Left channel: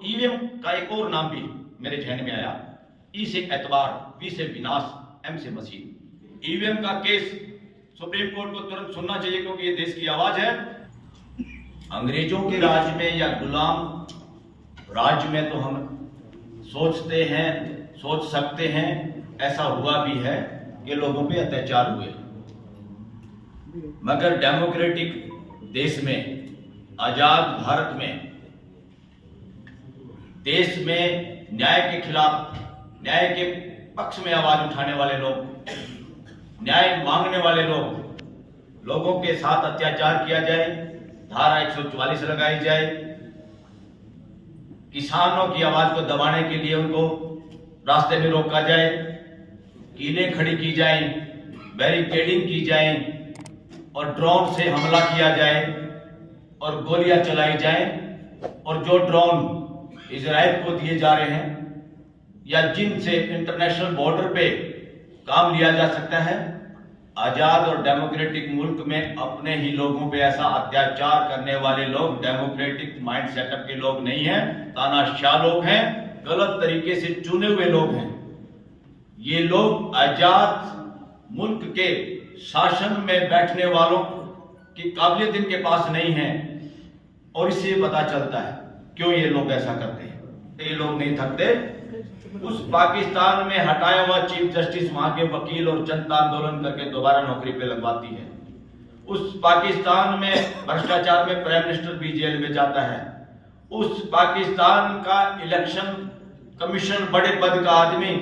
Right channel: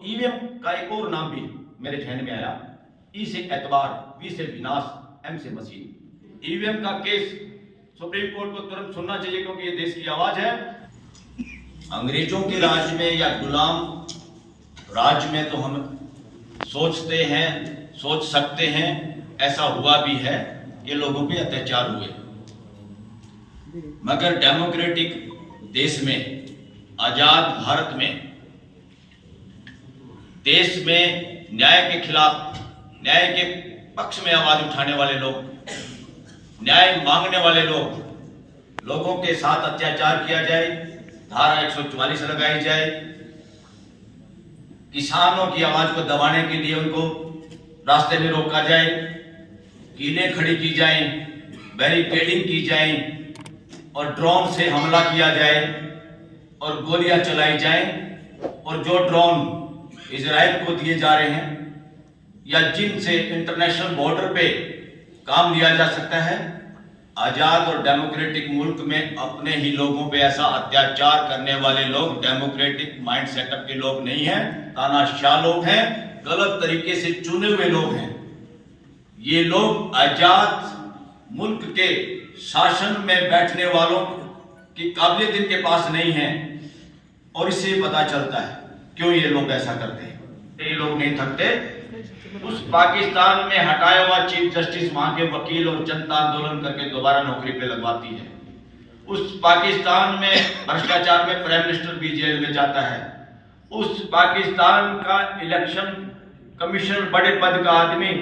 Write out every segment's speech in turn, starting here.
EVM का एक और नाम भी मेरे ध्यान में आया। ई से एतबार, वी से विनाश, एम से मसीह। ईवीएम का केस सुप्रीम कोर्ट को तुरंत सुनना चाहिए, क्योंकि ये देश की आवाज है। अंग्रेजों के राज में या गुलाम राज में तो हम सोचते हैं, सोच सकते हैं, ऐसा हुआ भी है कि लोगों पे अत्याचार हुए, मगर डेमोक्रेटिक देश में, आजाद भारत में, देश में न्याय के खिलाफ, न्याय के पक्ष में आवाज उठाने वाले लोग, न्याय मांगने वाले लोगों के साथ अत्याचार किया जाए, धारा 144 लगाई जाए, किसानों की आवाज को दबाने के लिए उनको रास्ते में रोका जाए, कीलें खड़ी की जाए, बैरिकेडिंग की जाए और ड्रोन से हमला किया जाए और गोलियां चलाई जाए, और जो ड्रोन इजराइल को दिए जा रहे हैं या जिनसे इंटरनेशनल बॉर्डर पे काम लिया जा सकता है, आजाद और डेमोक्रेटिक मुल्क में अपने ही लोगों पे ऐसा अत्याचार करने वाले लोग डेमोक्रेटिक माइंड सेटअप के लोग नहीं हैं, तानाशाह लोग हैं, गलत तरीके से चुने हुए लोग हैं। ये लोग आजाद मुल्क के शासन में बैठने वालों की काबिलियत इनके पास नहीं है, और इससे पता चलता है क्यों ये लोग ऐसा करते हैं। ये लोग नहीं थकते। उस पाकिस्तान में हटाया हुआ चीफ जस्टिस वहां के वकील और जनता आंदोलन करके दोबारा नौकरी पे लगवाती है। उस पाकिस्तान में भ्रष्टाचार में प्राइम मिनिस्टर भी जेल में जाता है। उस पाकिस्तान का इलेक्शन कमीशन बड़े पद का आदमी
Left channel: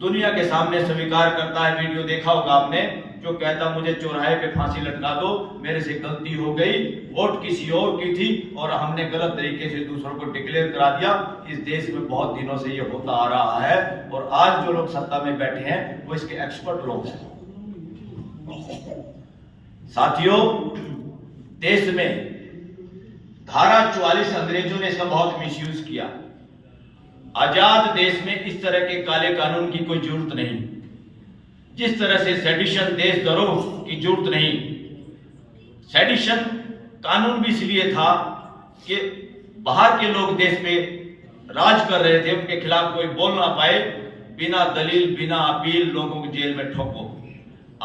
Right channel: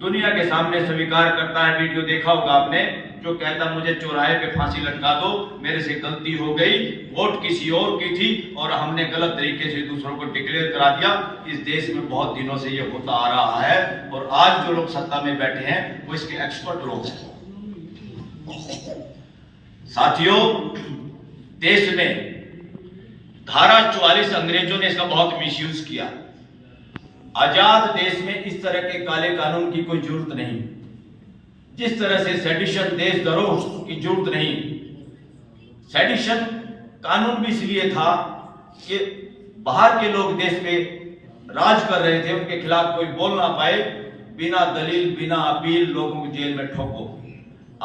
दुनिया के सामने स्वीकार करता है, वीडियो देखा होगा आपने, जो कहता मुझे चौराहे पे फांसी लटका दो, मेरे से गलती हो गई, वोट किसी और की थी और हमने गलत तरीके से दूसरों को डिक्लेयर करा दिया। इस देश में बहुत दिनों से ये होता आ रहा है, और आज जो लोग सत्ता में बैठे हैं वो इसके एक्सपर्ट लोग हैं। साथियों, देश में धारा 44 अंग्रेजों ने इसका बहुत मिसयूज किया। आजाद देश में इस तरह के काले कानून की कोई जरूरत नहीं, जिस तरह से सेडिशन, देशद्रोह की जरूरत नहीं। सेडिशन कानून भी इसलिए था कि बाहर के लोग देश में राज कर रहे थे, उनके खिलाफ कोई बोल ना पाए, बिना दलील, बिना अपील लोगों को जेल में ठोको।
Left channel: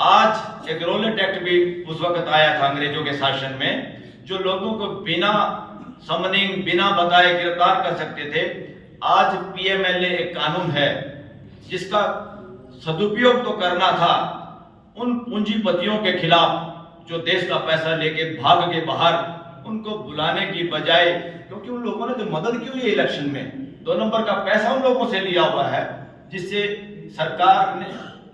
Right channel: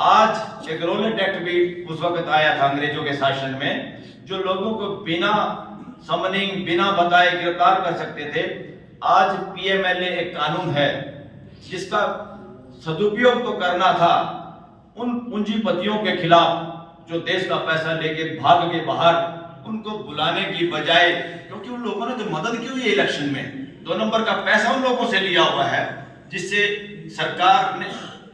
आज एक रोलेट एक्ट भी उस वक्त आया था अंग्रेजों के शासन में, जो लोगों को बिना समनिंग, बिना बताए गिरफ्तार कर सकते थे। आज पीएमएलए एक कानून है जिसका सदुपयोग तो करना था उन पूंजीपतियों के खिलाफ जो देश का पैसा लेके भाग के बाहर, उनको बुलाने की बजाय, क्योंकि उन लोगों ने तो मदद की हुई है इलेक्शन में, 2 नंबर का पैसा उन लोगों से लिया हुआ है, जिससे सरकार ने,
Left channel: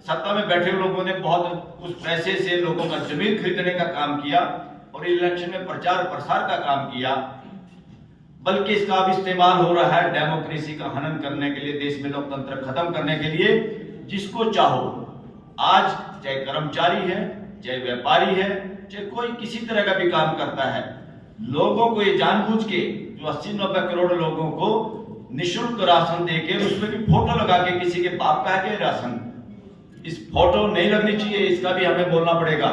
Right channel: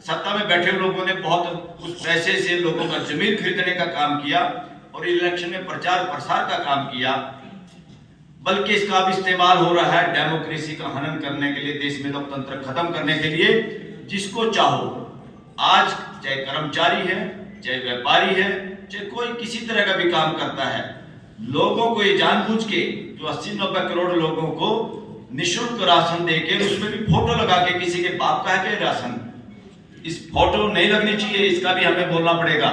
सत्ता में बैठे हुए लोगों ने बहुत उस पैसे से लोगों का जमीन खरीदने का काम किया और इलेक्शन में प्रचार प्रसार का काम किया। बल्कि इसका अब इस्तेमाल हो रहा है डेमोक्रेसी का हनन करने के लिए, देश में लोकतंत्र खत्म करने के लिए। जिसको चाहो, आज चाहे कर्मचारी है, चाहे व्यापारी है, चाहे कोई किसी तरह का भी काम करता है, लोगों को ये जानबूझ के, जो 80-90 करोड़ लोगों को निःशुल्क राशन देके उसमें भी फोटो लगा के, किसी के बाप का है राशन, इस फोटो नहीं लगनी चाहिए, इसका भी हमें बोलना पड़ेगा।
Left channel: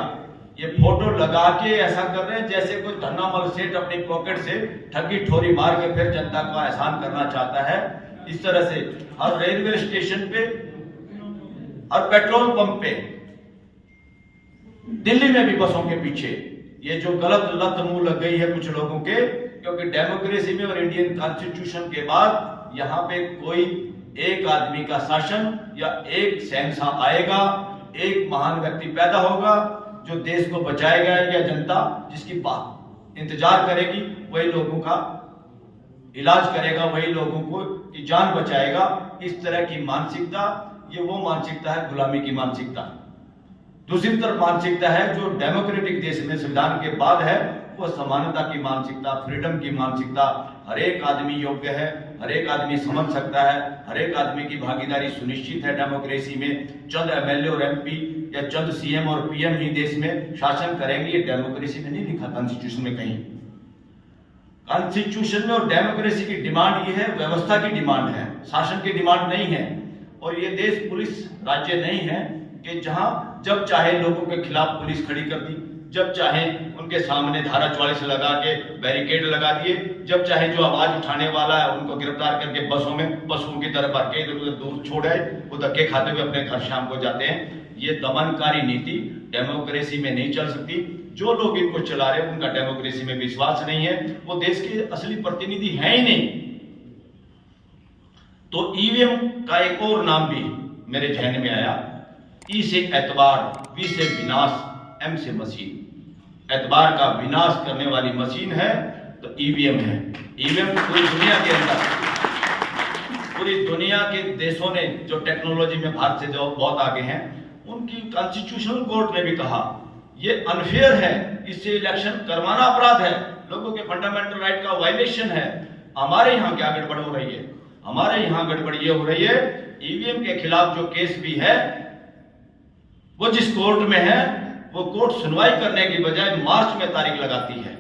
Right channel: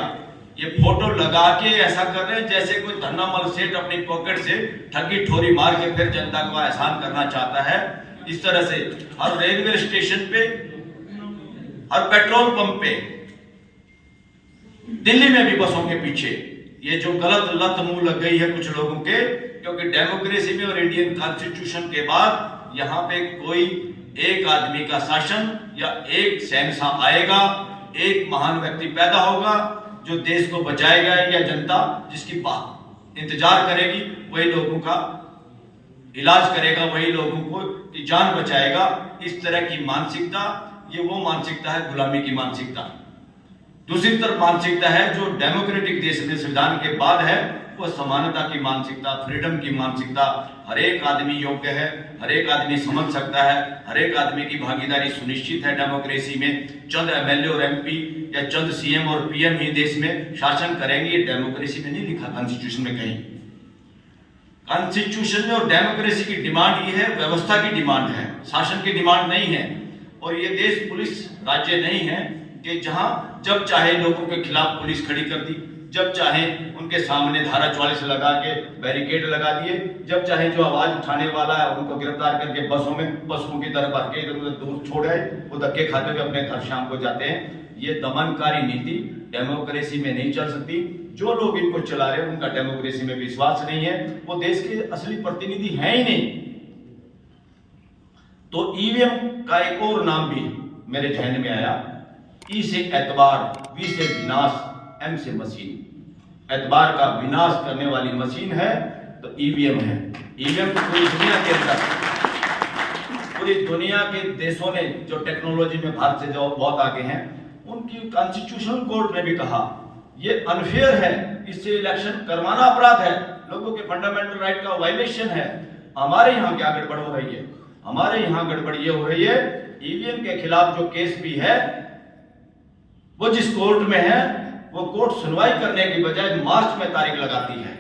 ये फोटो लगा के ऐसा कर रहे हैं जैसे कोई धन्नामल सेठ अपनी पॉकेट से ठगी ठोरी मार के फिर जनता को एहसान करना चाहता है। इस तरह से हर रेलवे स्टेशन पे, हर पेट्रोल पंप पे, दिल्ली में भी बसों के पीछे ये जो गलत लत मुंह लग गई है कुछ लोगों के, क्योंकि डेमोक्रेसी में और इंडियन कॉन्स्टिट्यूशन के बाद यहाँ पे कोई एक आदमी का शासन या एक शहंशाह आएगा, एक महान व्यक्ति पैदा होगा जो देश को बचाएगा, या जनता जिसकी बात इंतजार करेगी वही लोगों का इलाज करेगा, वही लोगों को की जान बचाएगा। इस तरह की मानसिकता, ये वो मानसिकता है गुलामी की मानसिकता। दूसरी तरफ मानसिकता है जो डेमोक्रेटिक देश में संविधान के बाद है, वो समानता की मानसिकता, फ्रीडम की मानसिकता। हर एक आदमी योग्य है, हर एक आदमी समझ सकता है, हर एक आदमी की भागीदारी सुनिश्चित है डेमोक्रेसी में। चंद एमएलए और एमपी या चंद सीएम और पीएम ही देश में शासन करेंगे, ये डेमोक्रेसी में नहीं लिखा कॉन्स्टिट्यूशन में कहीं। कॉन्स्टिट्यूशन में और डेमोक्रेसी की डिमांड ये है, व्यवस्था की डिमांड है, शासन की डिमांड नहीं है। और ये देश पुलिस राज्य नहीं है कि जहां जब चाहे लोगों के खिलाफ पुलिस खड़ी कर दी, जब चाहे उनके सामने धारा 44 लगा के बैरिकेड लगा दिए, जब चाहे जो आवाज उठाने वाला है उनको गिरफ्तार करके बसों में पशुओं की तरह भर के इधर उधर दूर छोड़ आए, वो धक्के खाते हुए अपने घर शाम को जाते हैं। ये दमनकारी नीति डेमोक्रेसी में नहीं चल सकती। जो लोग इनको चला रहे हैं उनका डेमोक्रेसी में विश्वास नहीं है, वो देश के असली प्रतिनिधि हैं ही नहीं। तो ईवीएम का एक और नाम भी मेरे ध्यान में आया, ई से एतबार, वी से विनाश, एम से मशीन। एतबार का विनाश करने वाली मशीन है तो ईवीएम है। ईवीएम पूरी दुनिया के अंदर, पूरी दुनिया के देशों ने जो टेक्नोलॉजी में भारत से जो बहुत आगे हैं, उनकी कॉन्स्टिट्यूशनल कोर्ट ने भी कहा ये अनफेयर है, इससे इलेक्शन करवाना अपराध है, लोगों के फंडामेंटल राइट का वायलेशन है। हमारे यहाँ क्या गड़बड़ हो रही है? हमारे यहाँ गड़बड़ ये हो रही है, ईवीएम के खिलाफ जो केस भी है वो जिस कोर्ट में है, वो कोर्ट सुनवाई करने की बजाय मार्च में तारीख लगाती है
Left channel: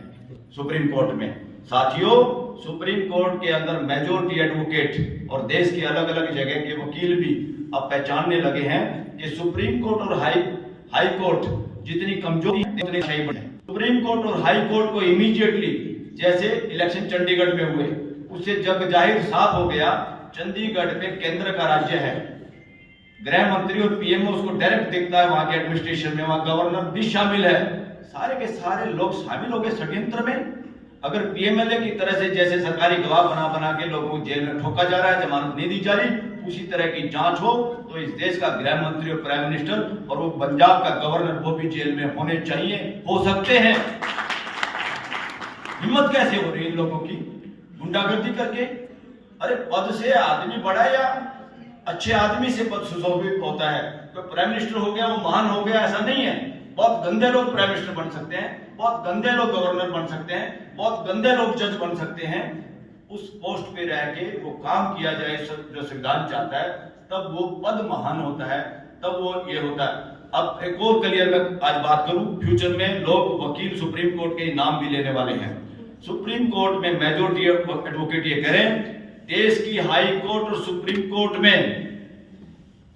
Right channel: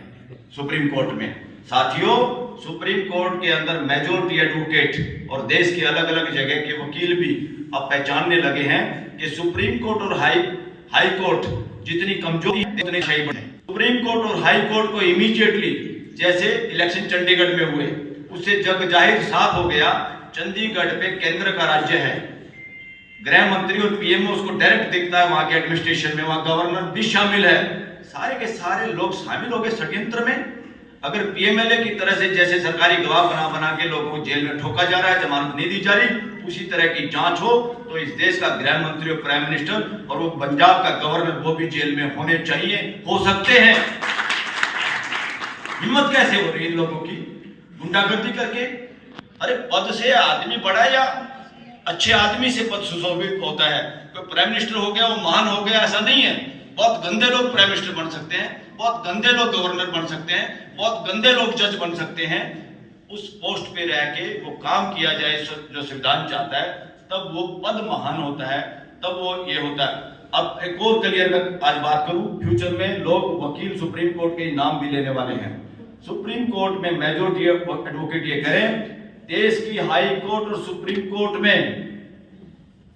सुप्रीम कोर्ट में। साथियों, सुप्रीम कोर्ट के अंदर मेजॉरिटी एडवोकेट और देश के अलग अलग जगह के वकील भी अब पहचानने लगे हैं कि सुप्रीम कोर्ट और हाई कोर्ट जितनी कमजोरी है उतनी सही है। सुप्रीम कोर्ट और हाई कोर्ट को इमीडिएटली, जैसे इलेक्शन चंडीगढ़ में हुए, उससे जग जाहिर साफ हो गया चंडीगढ़ पे केंद्र का राज्य है, गृह मंत्री और पीएम उसको डायरेक्ट दिखता है, वहां के एडमिनिस्ट्रेशन में, वहां गवर्नर भी शामिल है, सारे के सारे लोग शामिल हो गए षड्यंत्र में। अगर पीएमएलए की तरह से जैसे सरकारी गवाह बना के लोगों को जेल में ठोका जा रहा है, जमानत नहीं दी जा रही, उसी तरह की जांच हो तो इस देश का गृह मंत्री और प्राइम मिनिस्टर और वो पंजाब का गवर्नर वो भी जेल में होने चाहिए, हो सकते हैं। हिम्मत कैसे हो रही है इन लोगों की गुंडागर्दी करके? अरे पद से आदमी बड़ा या अच्छे आदमी से पद सुशोभित होता है? कोई प्राइम मिनिस्टर हो गया वो महान हो गया, ऐसा नहीं है। बहुत गंदे लोग प्राइम मिनिस्टर बन सकते हैं, बहुत गंदे लोग गवर्नर बन सकते हैं, बहुत गंदे लोग जज बन सकते हैं। उस पोस्ट पे रह के वो काम किया जाए जो संविधान चाहता है, तब वो पद महान होता है, तब वो ये होता है। अब एक और क्लियर मैं आज बात करूं, फ्यूचर में लोग वकील सुप्रीम कोर्ट के नाम भी लेने वाले हैं। सुप्रीम कोर्ट में मेजॉरिटी एडवोकेट ये करें, देश की हाई कोर्ट और सुप्रीम कोर्ट में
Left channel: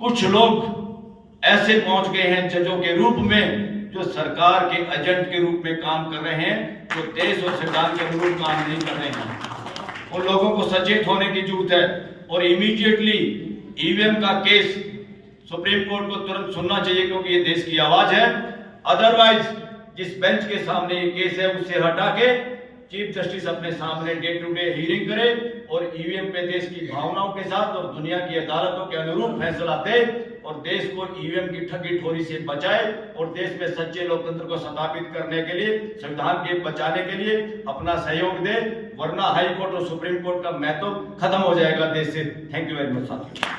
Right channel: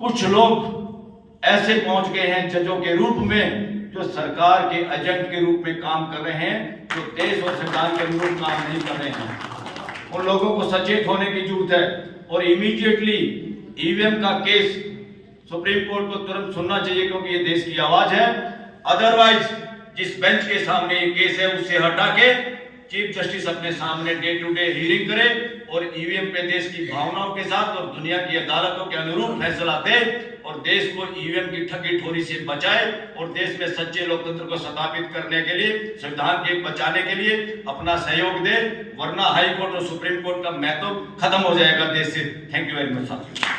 कुछ लोग ऐसे पहुंच गए हैं जजों के रूप में जो सरकार के एजेंट के रूप में काम कर रहे हैं, जो देश और संविधान के अनुरूप काम नहीं कर रहे हैं। उन लोगों को सचेत होने की जरूरत है और इमीडिएटली ईवीएम का केस सुप्रीम कोर्ट को तुरंत सुनना चाहिए, क्योंकि ये देश की आवाज है। अदरवाइज जिस बेंच के सामने ये केस है उससे हटा के चीफ जस्टिस अपने सामने डे टू डे हियरिंग करे और ईवीएम पे देश की भावनाओं के साथ और दुनिया की अदालतों के अनुरूप फैसला दे और देश को ईवीएम की ठगी ठोरी से बचाए और देश में सच्चे लोकतंत्र को स्थापित करने के लिए, संविधान के बचाने के लिए अपना सहयोग दे, वरना हाई कोर्ट और सुप्रीम कोर्ट का महत्व खत्म हो जाएगा देश से। थैंक यू वेरी मच साथियों।